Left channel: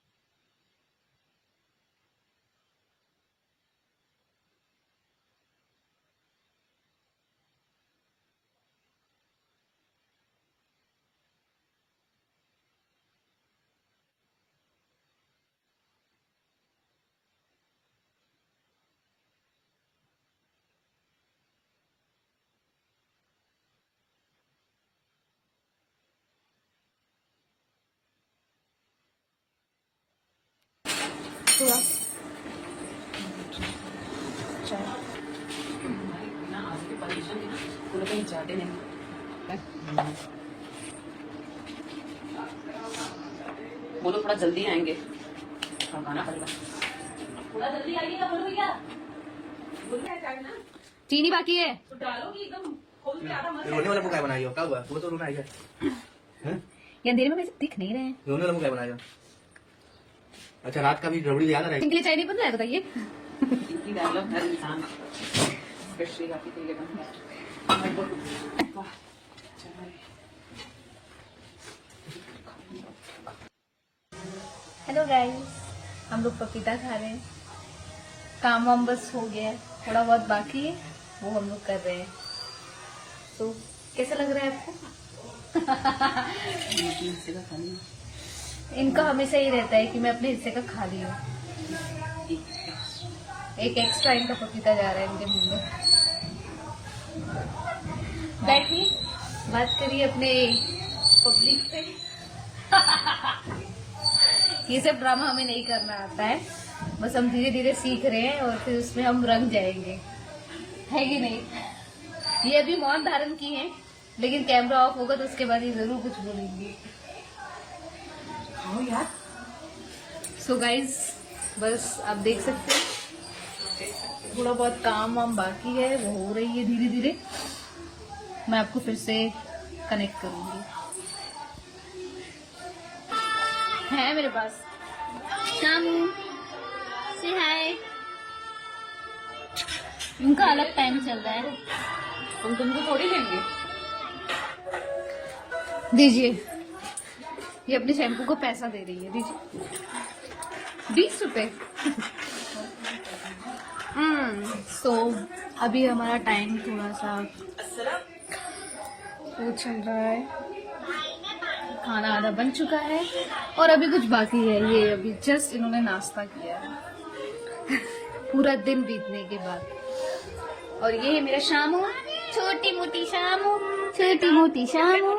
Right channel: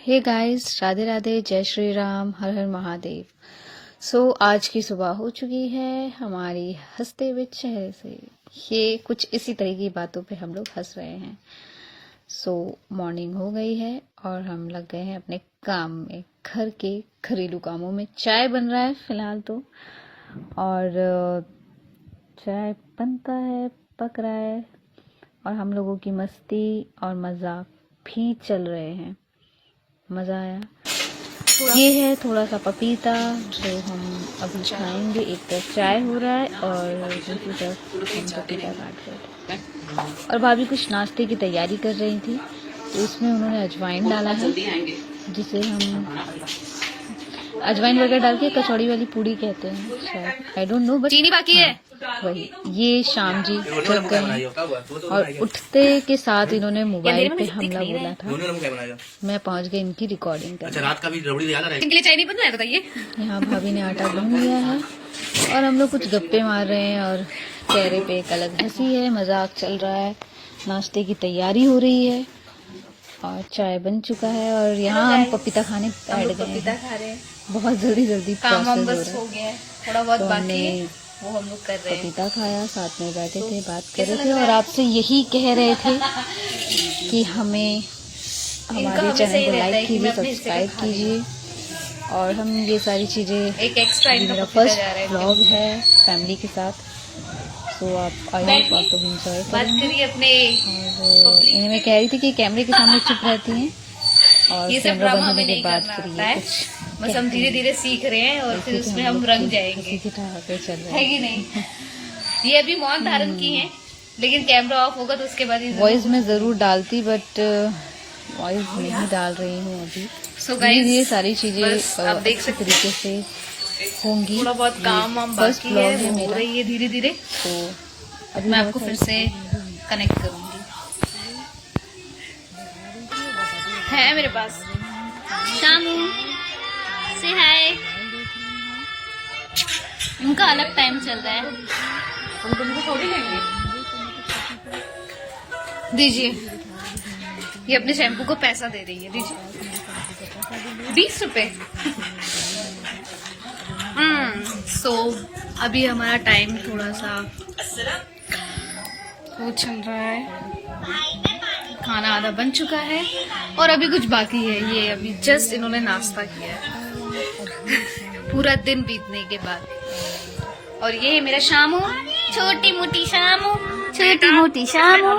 Hey guys, Radhe Radhe, जय श्री राम, हर हर महादेव। आज की सुबह हो चुकी है हमारी हंसते हुए चेहरे से। ये कुछ इसी तरह की बातों पे हम लोग हंस रहे हैं। मॉर्निंग हो गई है और हम लग गए हैं अपने काम में, घर के घरेलू कामों में। चाय बन रहा है फिलहाल तो, और चाय बनता है, पक रहा है, और हम लोगों की मस्ती और मजाक भी चल रहे हैं। मज़ा आया। ये है थोड़ा सा पपीता जो हम अभी खाएंगे। एक तरफ चाय हो रहा है और दूसरी तरफ और भाभी कुछ नाश्ते की तैयारी कर रही थी, तो इसमें उन्होंने अजवाइन डाला है, जिसे हम अजवाइन वगैरह डाल के कचौड़ी वाली पूड़ी कहते हैं। आई डोंट नो, बट चीनी बाकी है। वही ये शाम जी और उठते के साथ इन्होंने मोबाइल पे हमला बोला था। मैं पहुंच गई इनकी रिकॉर्डिंग कर। अच्छा, रात का भी रबड़ी याद आ रहा है। इनके लिए चाय नहीं बनना है, बताइए। यहाँ भाभी ने आटा गूंद लिया है और हम लोग कुछ गप्पे मार रहे हैं और चेहरे पे एक अलग हंसी है, मजाक चल रहा है। नाश्ते की तैयारी हो रही है और चाय बन चुका है और यहाँ हम पपीता खाने पपीता खा रहे हैं। बहुत जल्दी काम वाम बस हो गया है, थोड़ा बहुत बाकी है, वो हम लोग कर रहे हैं। पपीता खाया, साथ में बैठे थे, बात कर रहे थे और आपसे यही कह रहे थे कि हमें हमारे चैनल को लाइक कीजिए, सब्सक्राइब कीजिए। और हम ये सारी चीज़ें, एक एक्स्ट्रा मेरा फर्स्ट ब्लॉग है फैमिली के साथ। आप आपको बात करिए अपने। मैं कह रही थी कि कैमरे के सामने चुप रहती हैं और ये सब ड्रामा हमें नहीं करना आता है, बस हम धीरे धीरे सीख रहे हैं और फिर उसमें हम रंग जाएंगे, है कि नहीं। ये अभी मौन धारण की है, लेकिन कैमरा ऑफ होगा तो उसके बाद वॉइस में जरूर डालती, बट वॉइस नहीं डाल रही हूँ अभी। गाइस, ये सारी चीजें आप देख सकते तरीके से होंगी। थोड़ा बहुत काम वाम बाकी है, वो हो रही है धीरे धीरे। तो अब मैं आपको फिर से कनेक्ट करूंगी। है मेरे पास शामू से हाय। उनका अलग टाइम चल रहा है, तुमको थोड़ी लेंगे। दीजिए, ये अपने शैम्पू को पैसा दे रही है, दीजिए 20 रुपए। अभी हमारा टाइम थोड़ा सा वो चल रहा है, खाना आधा बन चुका है और अभी कुछ बाकी है। ये अभी जस्ट इन्होंने नाश्ता किया है पूरा दिन बीतने के बाद। और ये है मेरा शामू, छोटी मोटी शामू, छोटी मोटी शामू।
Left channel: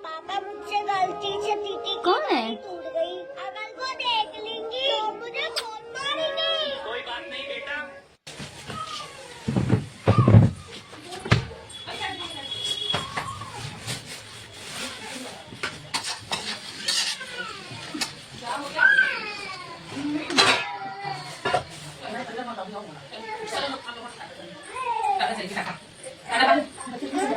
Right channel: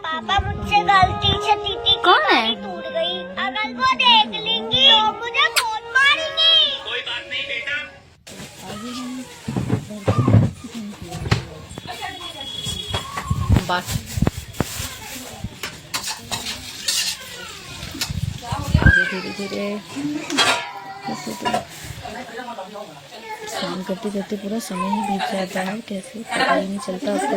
पापा मुझसे गलती से दीदी कौन है? टूट गई, अगर वो देख लेंगी तो मुझे बहुत मारेंगी। कोई बात नहीं बेटा। बात धीरे काम करते करते पूरा समय ही बीत जाता है, कैसे पता ही नहीं चलता उसको।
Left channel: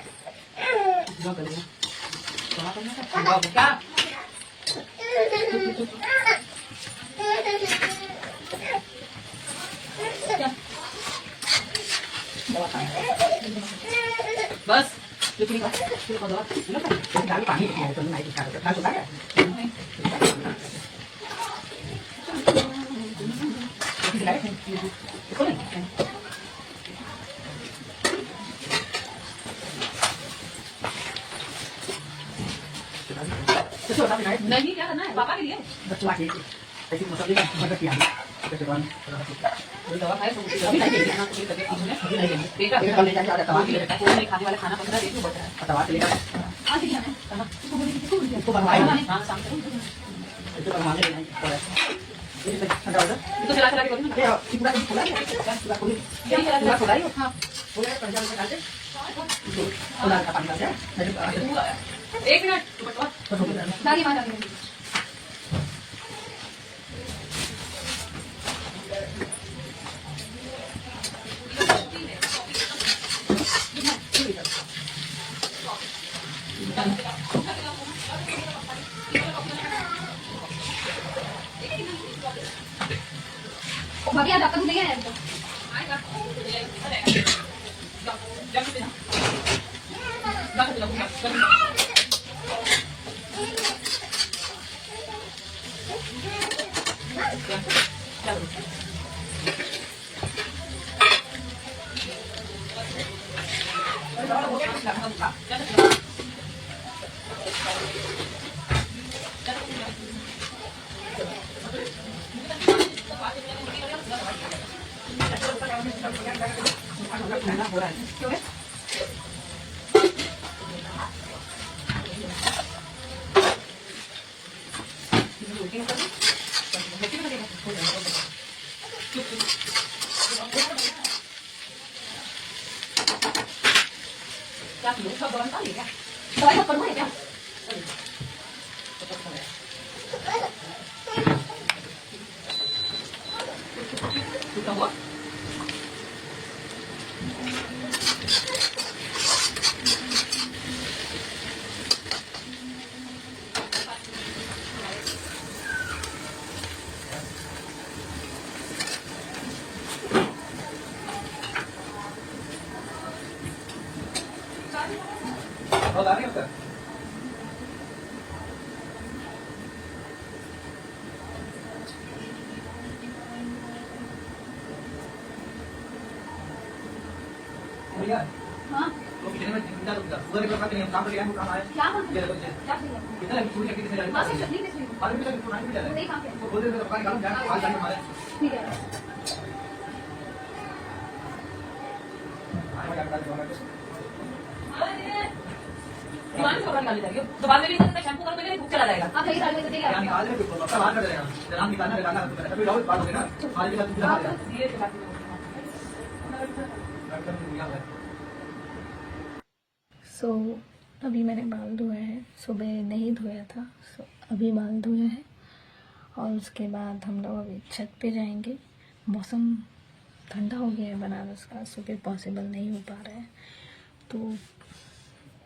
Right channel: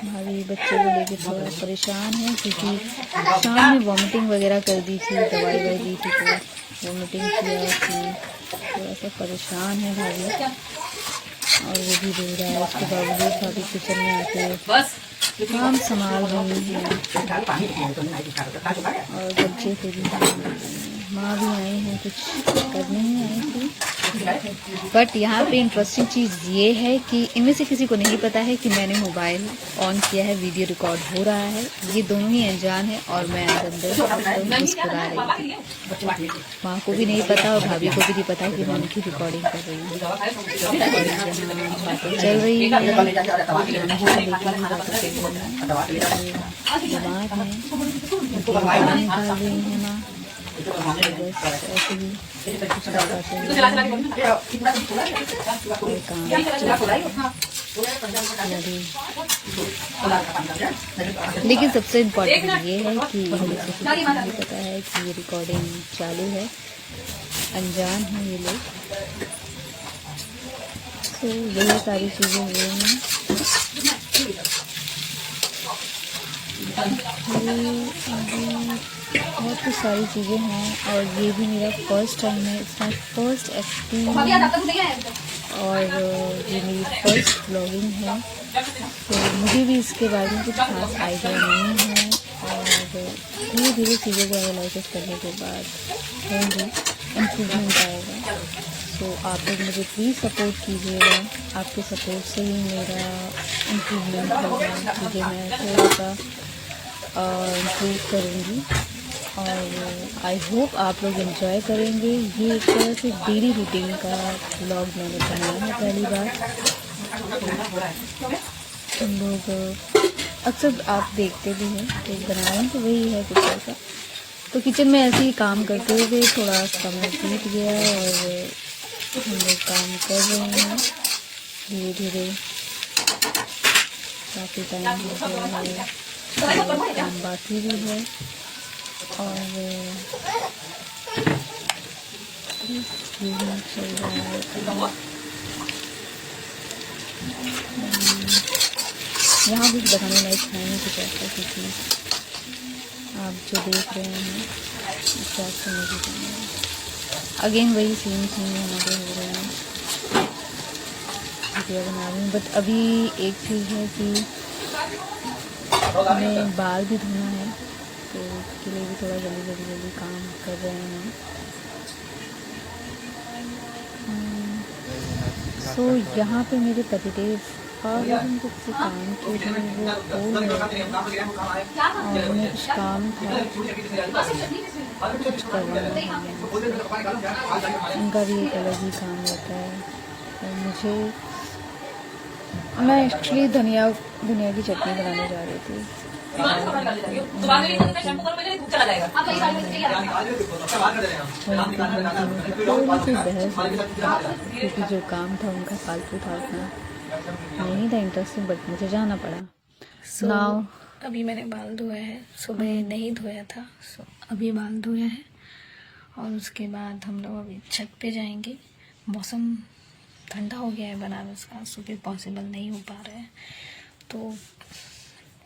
हमारे बच्चे को लेकर थोड़ा परेशान है, क्योंकि शाम में वॉमिटिंग वगैरह कर दी थी, दवाई दी थी, तो वॉमिटिंग किया थी, थोड़ा सा परेशान है भाभी। और वो भी रो रहा है, उसके बावजूद भाभी किचन में आके बस काम संभाल रही है। और बच्चे से भी माँ भी आई है, कुछ करने ही आई थी। बट यहाँ पे इंटरेस्टिंग चीज़ ये है कि इनमें से किसी को नहीं पता है कि मैंने मोबाइल ऑन किया है, वीडियो रिकॉर्ड हो रहा है। ये दोनों ही अनजान है और मैं माँ को भी नहीं पता और भाभी को भी नहीं पता कि मैं उनकी रिकॉर्डिंग कर रही हूँ, चल रही है। लेकिन सबसे इम्पोर्टेंट ये है कि पता है कि ये रिकॉर्डिंग चालू है, अनजान है ये लोग। तो यही सारी चीज़ें हुई हैं। बहुत कुछ सारी चीज़ें हैं और ये भी मेरा फर्स्ट टाइम है, इसका फर्स्ट एक्सपीरियंस और ये मेरी फर्स्ट ब्लॉगिंग है। तो मुझे भी इसके बारे में कुछ खास आइडिया नहीं है और धीरे चीज़ों को एनालाइसिस करने के बाद इम्प्रूवमेंट आएगा। तो आप लोग मुझे प्लीज़ सपोर्ट कीजिएगा, आपके सपोर्ट से ही मेरा इम्प्रूवमेंट होगा, मुझे मैं थोड़ा सा इम्प्रूव करूँगी। और आई होप आप लोग एंजॉय करेंगे। ये एक तरह से डेली रूटीन का व्लॉग मैंने बनाया है पहली बार। हम लोग अक्सर आप देखते भी हैं, तो बनाना तो वही है कुछ ऐसा। तो किचन में ऐसे ही काम करते हुए थोड़ा समय बीत गया और हम लोग काम कर रहे हैं धीरे धीरे। काफ़ी टाइम बाकी भी है और यहाँ भी बनाने लायक खाने की बात आप जो देख रहे हैं अगेन वही सेम हमारे हो रहे हैं बना रही हूँ। बट अभी एक चीज़ है कि हमें बाल भी धोना है, तो उसके लिए भी थोड़ा जल्दी काम कर रहे हैं। सो यहाँ पे मेरे पतिदेव काम उनका भी एक अलग ही काम रहता है। और मुझे मैं एक्चुअली धनिया की चटनी बनाने जा रही थी। जो काम था उनका फालतू था, नहीं था इंटरेस्टिंग, बट मुझे जाना पड़ा। नाउ अभी मैंने बाल धोया है, सुबह नहीं धोया था, अभी बाल धोया है और उसके बाद हम लोग अभी छत पे जाएंगे। मौसम ठंडा हो गया है बनारस का, सुबह पॉसिबल नहीं हो पा रहा है, तो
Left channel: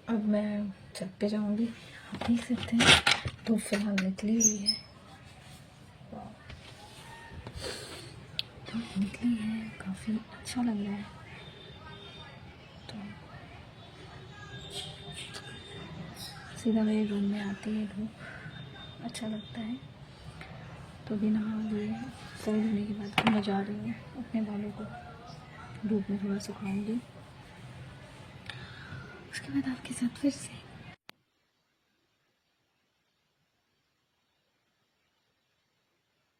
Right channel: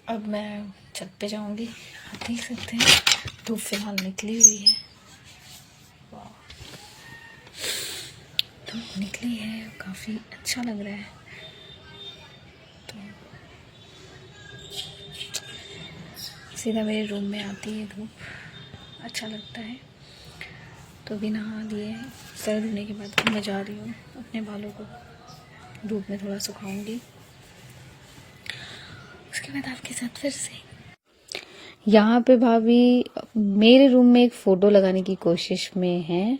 अब मैं छत पे जाऊंगी। आप देख सकते हैं धूप फिलहाल निकली हुई है, धूप निकली है, काफ़ी अच्छा लग रहा है। तो सीधा मेरे रूम में आती है धूप, अच्छा लगता है। तो भी नहा लिए, सर धोने के बाद मैं जा रही हूँ, अपने बालों को धूप में थोड़ा सुखाऊंगी, उसके बाद आपके साथ फिर से। यहाँ पे भाभी मेरे रूम में एक फ़ोटो लगाने की कोशिश में है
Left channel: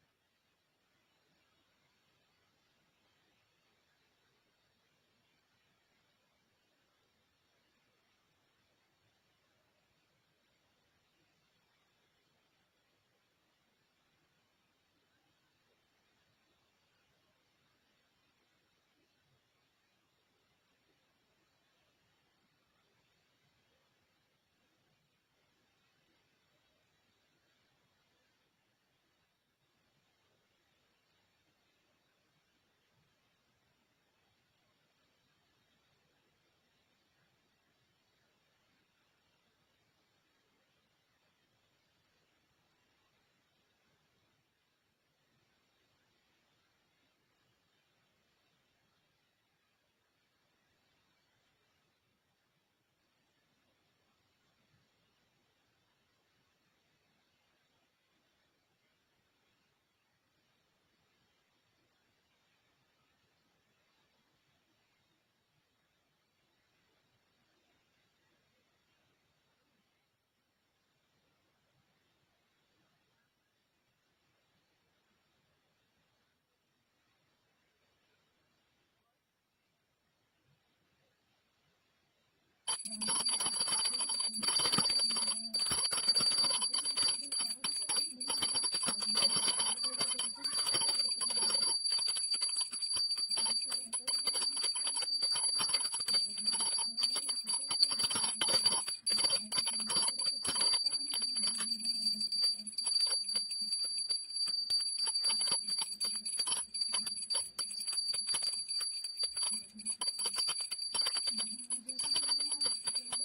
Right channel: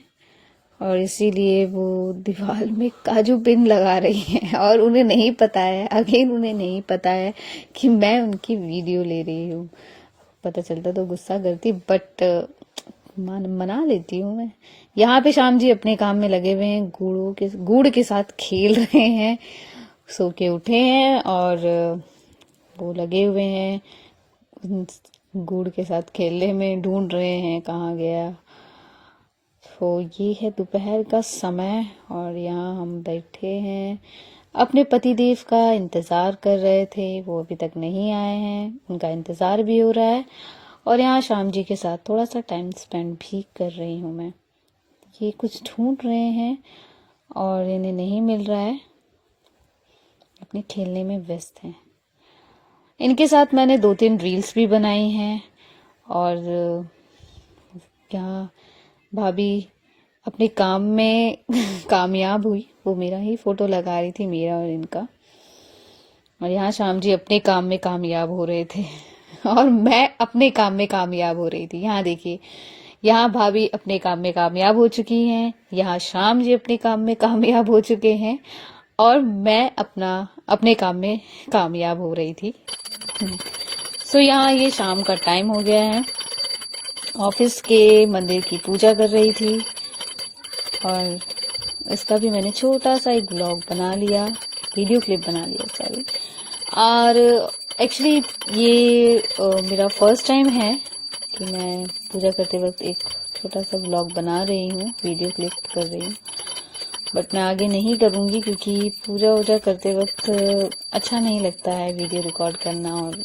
और इसीलिए वो दीवार में काजू पिन लगा रही हैं और उन्हें नहीं पता है, उन्हें नहीं पता है कि मैं उनकी वीडियो ले रही हूँ। पता चलता तो गुस्सा करती, बट मना लेती हूँ मैं। यहाँ पे श्याम जी अपने काम में लगे हुए हैं, गुड़ के साथ खेल रहे हैं, सो के उठे हैं और वो लगे हुए हैं गुड़ के साथ खेलने में, ढूंढ रहे हैं कहाँ गया। तो ये है दोपहर का समय और यहाँ हम बैठे हैं, अपने पतिदेव का इंतज़ार कर रहे थे, वो अभी तक नहीं आए हैं, उनका इंतज़ार भी हो रहा है। और यहाँ श्याम जी के साथ थोड़ा सा टाइम स्पेंड भी कर रही हूँ मैं। ये कुछ ढूंढ रहे हैं और इन्हें नहीं मिल रहा है, अपने खेलने में व्यस्त हैं। इनके साथ मैंने 2-3 रील्स भी बनाई हैं और यहाँ भाभी अपने काम में कामयाब हुई, वो मेरा ही फ़ोटो लगा रही थी, मेरा और इनका। और यहाँ श्याम जी अपने काम में कामयाब हो रहे थे और मैं अपने काम में कामयाब हो रही थी। यहाँ देखिए, यहाँ भाभी अपने काम में कामयाब हो चुकी हैं, यहाँ श्याम जी अपने काम में कामयाब हो चुके हैं और मैं अपने काम में कामयाब हो रही थी। सो यहाँ ये शाम का टाइम हो गया है, ऑफिस के मंदिर की पूजा कर रही थी और इसका भी मैंने छोटा सा एक ब्लॉग बना लिया, वीडियो क्लिप बना लिया सॉरी। और एक्चुअली ये मेरा फर्स्ट टाइम है कि मैं पूजा करते वक्त एक छोटा सा ब्लॉग बना रही हूँ, वीडियो क्लिप कर रही हूँ, बट मैं आगे नहीं करूँगी क्योंकि पूजा वूजा करते वक्त अच्छा नहीं लगता है वीडियो रिकॉर्ड करना और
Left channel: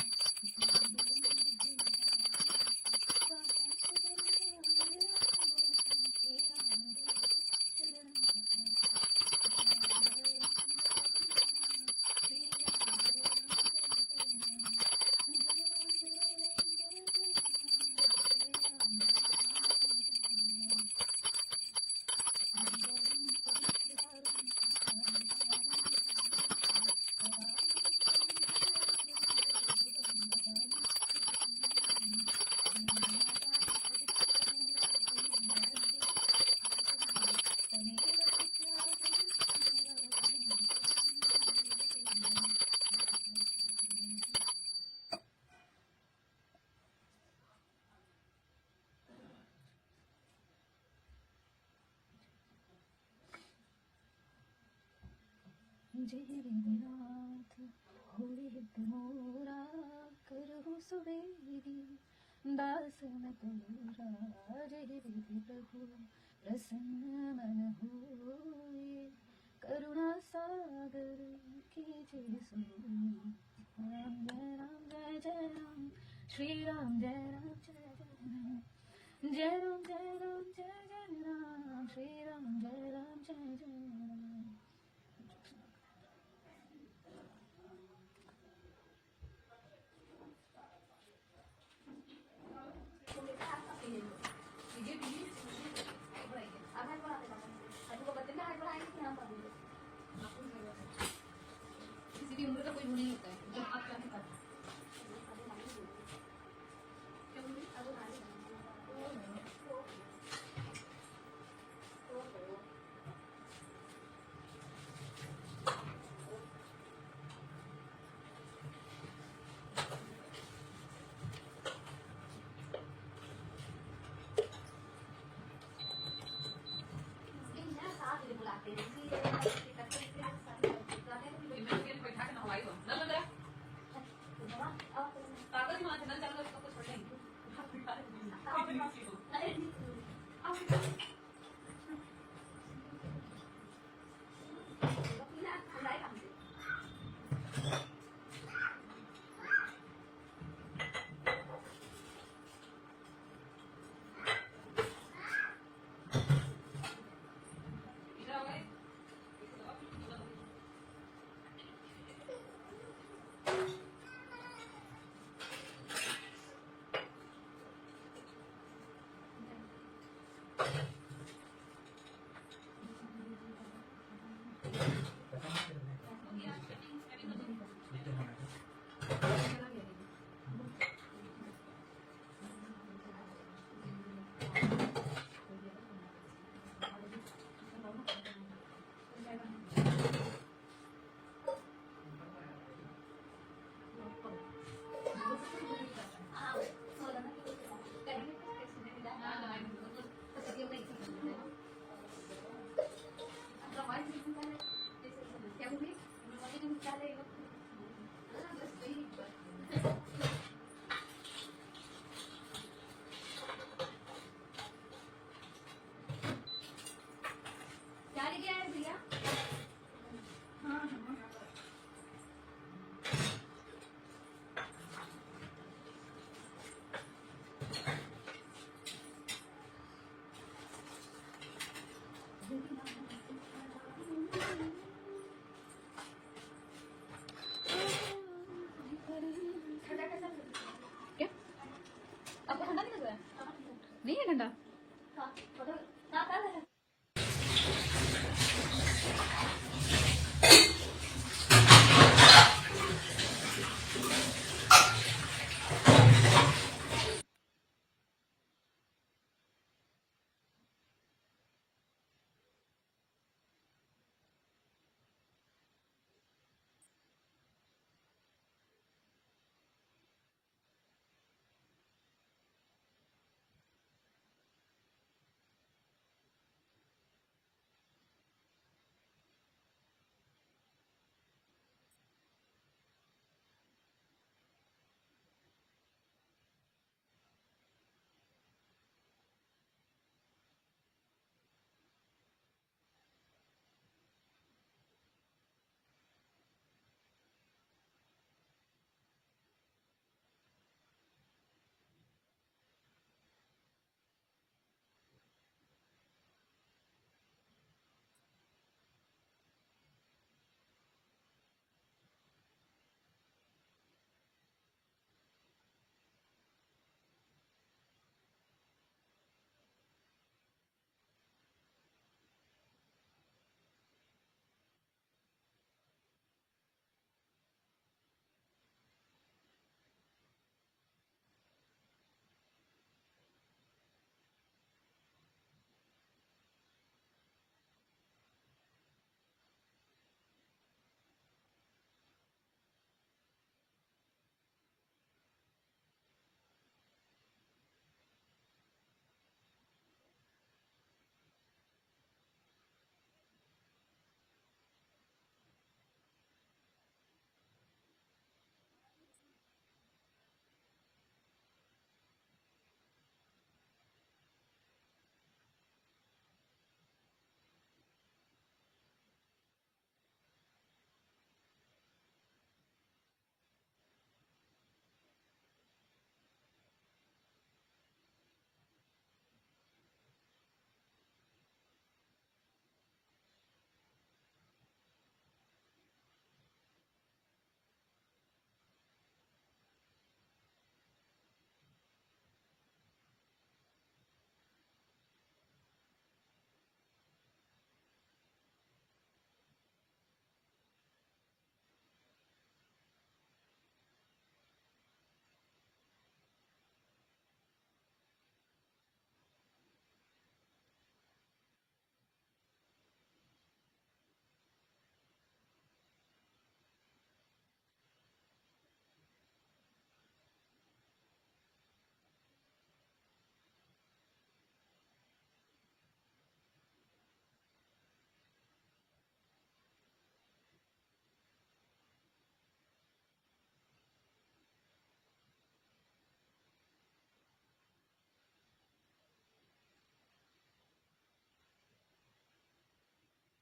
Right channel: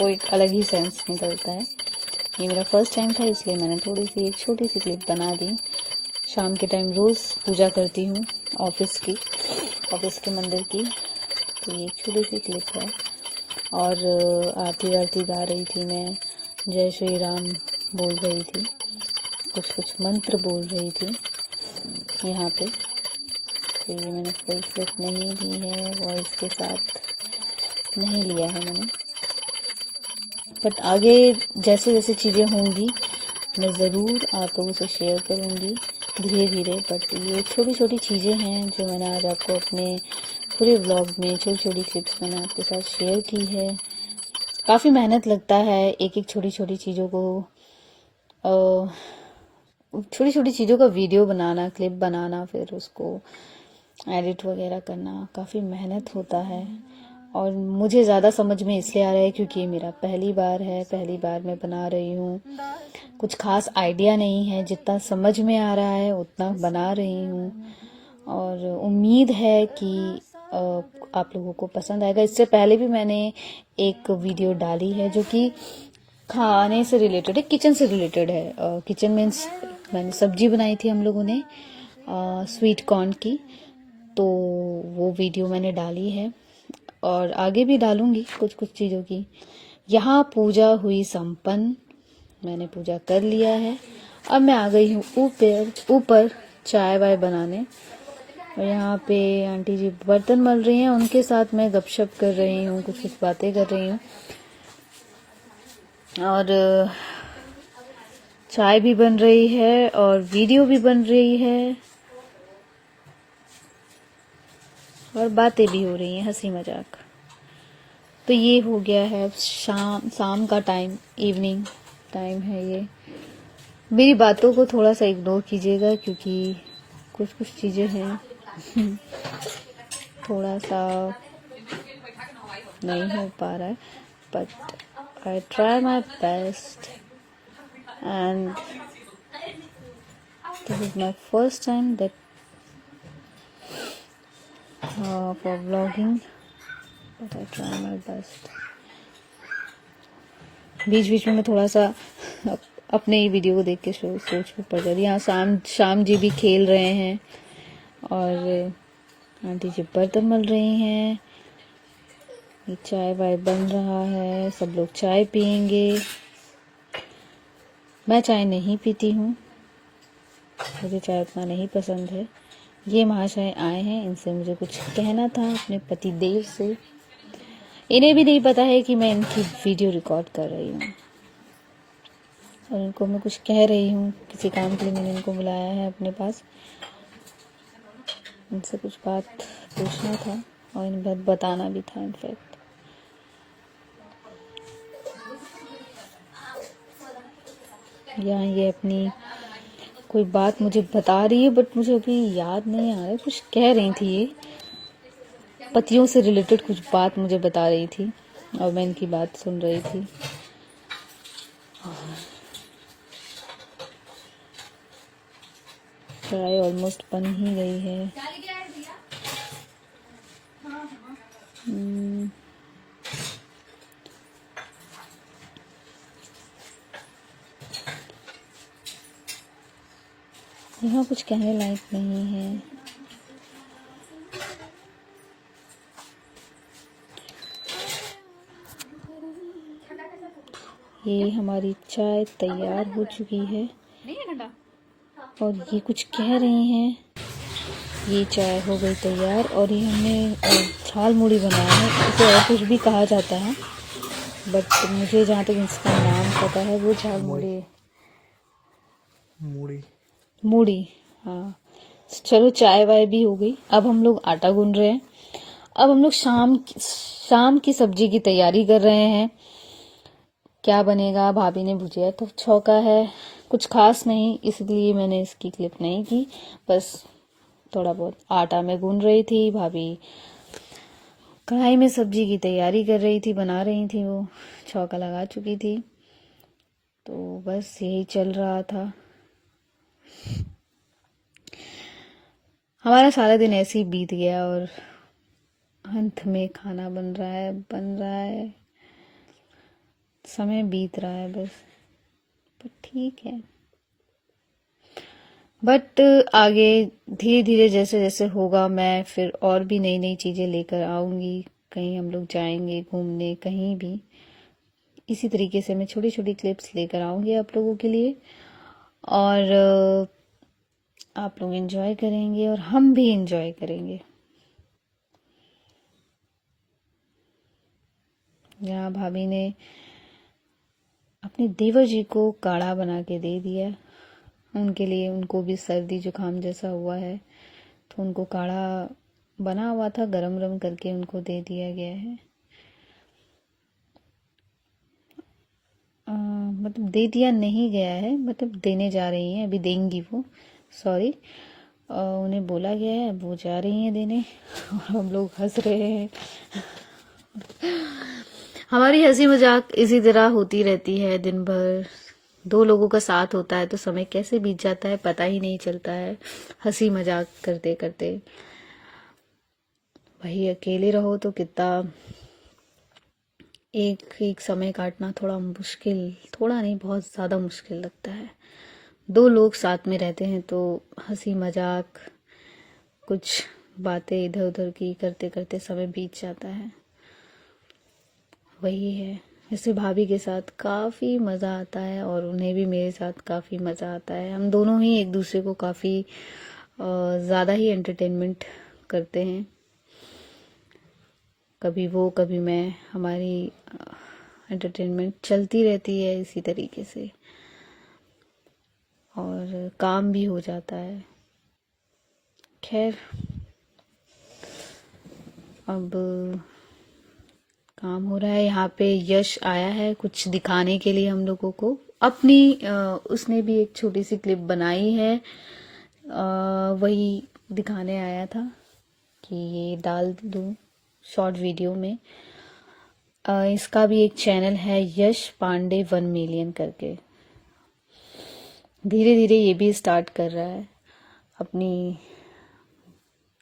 वो एक अलग ही सेंस निकलता है। ये मेरा फर्स्ट टाइम था इसलिए मैंने थोड़ी सी एक छोटी सी क्लिप बना दी। शाम के टाइम रोज़ पूजा करती हूँ ऑफिस के मंदिर की, तो ये एक छोटी सी क्लिप है। और आरती वारती गा रही थी मैं, जय श्री राम बोल रही थी, कुछ कुछ मंत्र बोल रही थी यहाँ पे। तो ये मैंने फुल क्लिप नहीं ली है, वॉइस के साथ नहीं लिया है मैंने, बट आगे जैसे जैसे चीज़ें होंगी मैं ज़रूर आप लोगों से शेयर करूँगी धीरे धीरे। बट ये छोटी छोटी चीज़ें हैं जो मैंने आज आपको अपने पूरे व्लॉग में छोटी छोटी क्लिप्स मैंने आपके साथ शेयर की है। काफ़ी मेहनत लगता है एक एक छोटी छोटी चीज़ों को, छोटी छोटी चीज़ों का वीडियो बनाना, क्लिप बनाना, फिर उसको एडिट वगैरह करना काफ़ी मेहनत होता है। और मुझे ज़्यादा समझ में इसलिए आ रहा है क्योंकि ये मेरा पहली बार है, पहली बार मैं बना रही हूँ। कुछ खास आइडिया नहीं है, जितना समझ में आ रहा है उतना बना रही हूँ और उम्मीद है कि आप लोगों को पसंद आएगा। इससे पहले भी मैंने एक वीडियो डाली है जो कि खाने से रिलेटेड है, किचन से रिलेटेड है। किचन मीन्स मैंने सब्जी बनाई थी हम लोगों ने स्वीट कॉर्न की, तो वो वीडियो मैंने डाली है और आगे भी डालूंगी कुछ कुछ चीज़ों की। यहाँ पूजा हुई संपन्न, मैंने पूजा कर लिया है। अब मैं आ गई हूँ ऊपर चाय वाय बनाने, और यहाँ पे आंटी जी बर्तन मल रही हैं, उनके साथ मैं गपशप कर रही हूँ, कुछ कुछ बातें कर रही हूँ। और चाय भी बन रही है और वीडियो भी बन रही है और बातें भी हो रही हैं, हंसी मजाक। तो ये हो गया है शाम का टाइम, इवनिंग टाइम है ये। मेरी बातों को थोड़ा सा इग्नोर कीजिएगा क्योंकि कुछ कुछ चीज़ें हैं थोड़ा सा नहीं हो पा रहा है, but I try my best and this is my first time that for vlogging, but I try my best. बीच बीच में मैं थोड़ा सा अपने ही वीडियो को देख के सोच में पड़ जाती। यहाँ शाम जी भी खेल रहे हैं और आंटी जी बर्तन मल रही हैं, ये चाय वाय बन रहा है, सब लोग चाय पियेंगे। मैं चाय नहीं पीती हूँ, मुझे चाय उतना नहीं पसंद है। ये महाशय आए हैं, इनसे मुझे कुछ कहना था अपने पति देव से। इन्हें भी नहीं पता है कि मैं इनकी वीडियो रिकॉर्ड कर रही हूँ और इनको मैं कुछ कह रही हूँ, किसी काम के लिए मैंने इनको बुलाया है अपने पास। इनसे कुछ बात पूछना था और इन बात बताना भी था इनफैक्ट। यहाँ ये अपनी कोई बात मुझे बता रही है, बट मुझे अभी याद नहीं आ रहा है। कुछ कह रही थी, ये पतियों से रिलेटेड कुछ बात मुझे बता रही थी और मैं इनकी बात सुन रही थी। चाय ऑलमोस्ट बन ही गई है। यहाँ कुछ कहने लायक नहीं है। ये हमारी चाय तैयार हो चुकी है और ये कुछ कह रही हैं। ये चाय हो गई तैयार और ये हमने झाल मुड़ी बनाया है, इसे और कुछ भी कहा जाता है, बट मुझे जहाँ तक इसका नाम पता है वो झाल मूड़ी। हाँ, चलो चाय वाय भी हो गई। अब हम लोग आटा गूंद रहे हैं। अब हम लोग शाम की सब्जी की तैयारी कर रहे हैं। क्या बनेगा, भाभी ने भुजिया तो छौंका है, कुछ खास नहीं, इसलिए मैंने इसकी क्लिप नहीं की। बस थोड़ा बहुत आटा में गूंद रही थी, भाभी कढ़ाई में सब्जी की तैयारी कर रही थी, बना रही थी, वो छौंका लगा चुकी थी। तो बस यही चल रहा था। हमारा सारा दिन ऐसे ही बीत गया और अंत में खाना बन रहा है, समय बीत रहा है बस। पर ठीक है, बट आगे धीरे धीरे जैसे जैसे होगा मैं फिर और भी नई नई चीज़ें लेकर आऊँगी। कहीं हम लोग जाएंगे घूमने, कहीं भी इसी तरीके से मैं छोटी छोटी क्लिप्स लेकर आऊँगी आप लोगों के लिए, और आप लोग एंजॉय करेंगे और हम भी एंजॉय करेंगे। यहाँ भाभी ने अपने देवर जी को काढ़ा बना के दे दिया उनके लिए। उनको भी सर्दी जुकाम जैसा हुआ है, तो उनको काढ़ा बना हुआ था, गरम गरम करके उनको दे दिया गया है। मतलब दे दिया नहीं गया है, मतलब देने जा रही हैं, अभी देंगी वो, सॉरी। उन्हें बोला गया है, वो जा रही हैं देने और हम लोग हंस रहे हैं। हमारी हंसी मजाक इसी तरह होती रहती है दिन भर। दो लोगों का साथ होता है तो समय कैसे बीत जाता है पता ही नहीं चलता है, हंसी मजाक करते करते। वही अकेले रहो तो कितना एक समय काटना थोड़ा मुश्किल, थोड़ा नहीं बहुत ज़्यादा मुश्किल लगता है। दो लोग साथ में रहते हैं तो हंसी मजाक, कुछ बातें इधर उधर की करते करते समय बीत जाता है। वही है, जैसे भाभी के साथ काफ़ी मज़ा आता है और उन्हें भी मेरे साथ काफ़ी मज़ा आता है। हम दोनों ही एक दूसरे को काफ़ी ज़्यादा ही एंटरटेनमेंट करते हैं, कभी वो कभी मैं। हमारी एंटरटेनमेंट चलती रहती है इसी तरीके से, और काम भी हो जाता है। खैर, अब काम हो रहा है। यहाँ पे यश आया है कुछ दिखाने के लिए हम लोगों को अपनी। उसने भी एक छोटी सी क्लिप बनाई है, वही दिखाने आया था कि ये डाल दूँ शॉर्ट वीडियो में। इसका भी एक चैनल है, यश पांडे 1 मिलियन करके। धीरे धीरे ये भी स्टार्ट कर रहा है अपनी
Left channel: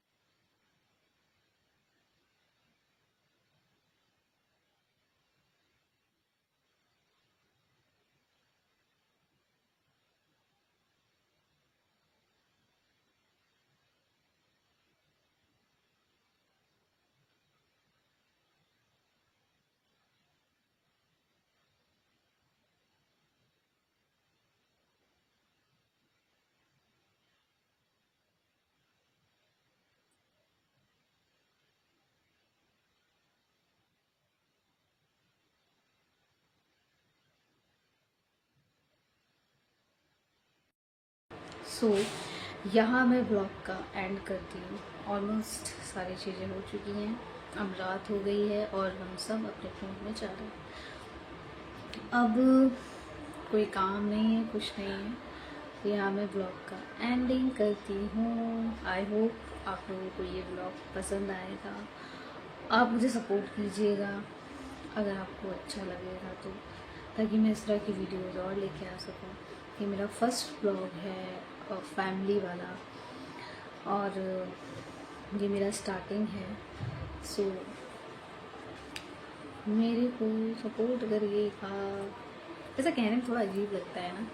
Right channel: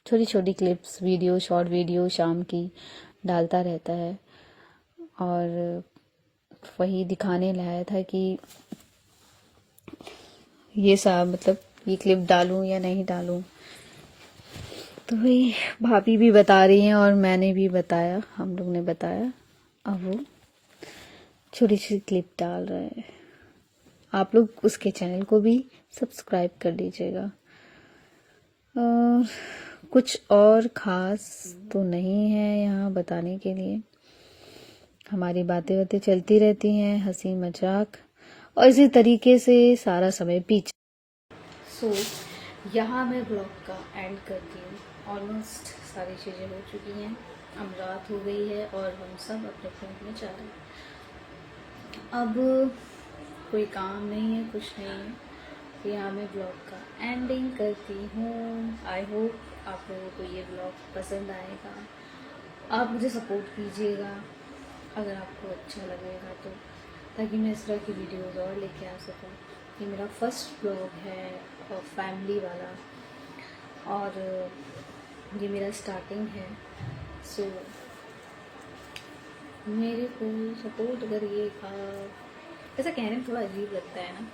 छोटी छोटी क्लिप्स, वीडियो, शॉर्ट वीडियो शाम की डालता रहता है। और वही दिखाने लाया था कि ये सब मतलब ये क्लिप डालूं या नहीं डालूं। तो वही भाभी भी बता रही हैं और मैंने भी बताया, हम लोग ने बताया। अब वो छोटी सी क्लिप डाल रहे हैं। आप लोग उसके चैनल को भी सब्सक्राइब कर लीजिएगा। कुछ और ख़ास तो नहीं है यहाँ बताने के लिए। हमारी बातें बातें चलती रहती हैं, हंसी मजाक, और इसी तरीके से सारा समय बीत। सो यहाँ मैं ब्लॉग का एंड करती हूँ। ऑलमोस्ट सारी चीज़ें हो चुकी हैं, अब रात हो गई है और हम सब अपने अपने में जा रहे हैं। अब कोई काम नहीं है, कुछ नहीं है। यहाँ मैं ब्लॉग का एंडिंग करती हूँ। आई होप आप लोगों को ये ब्लॉग पसंद आएगा। आप मुझे सपोर्ट कीजिएगा अगर आपको अच्छा लगेगा तो, ताकि मैं इस तरह की वीडियोज़ और लेके आ सकूँ। ये मेरा फर्स्ट ब्लॉग है फैमिली वाला, और ये मेरा स्टार्टिंग है। सो मेरे को सपोर्ट करिएगा। ऐसा कहने में थोड़ा अजीब लगता है ना,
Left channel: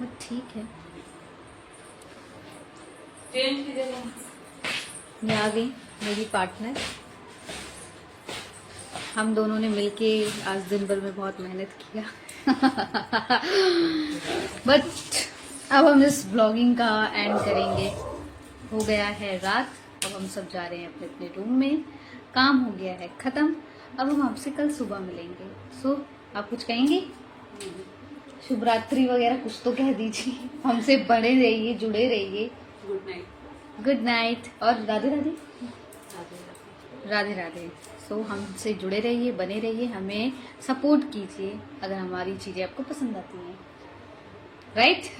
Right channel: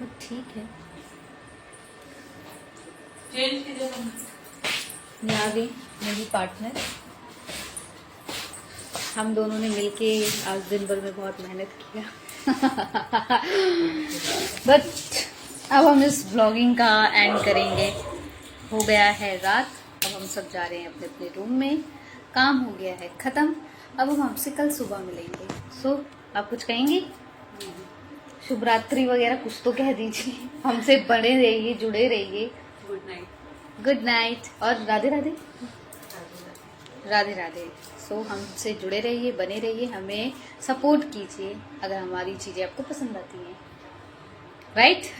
बट ठीक है। मैं आ गई, मेरी पार्टनर। हम दोनों ने मिलके आज दिन भर में बहुत मेहनत किया बट अब हम इस ब्लॉगिंग का एंड करेंगे। हो गया है रात, अब हम सब जा रहे हैं अपने अपने रूम में। काम हो गया है ख़त्म। अब हम आपसे कल सुबह मिलेंगे। सो आप कुछ कहेंगी? शुभ रात्रि वगैरह कुछ तो कह दीजिए। हमसे बड़े रहिए, जुड़े रहिए। Good night. गुड नाइट और राधे राधे। राधे राधे। सो हमसे जुड़े रहिए, बने रहिए, हमें सपोर्ट कीजिए अगर हमारी चीज़ें आपको पसंद आती हैं। राइट?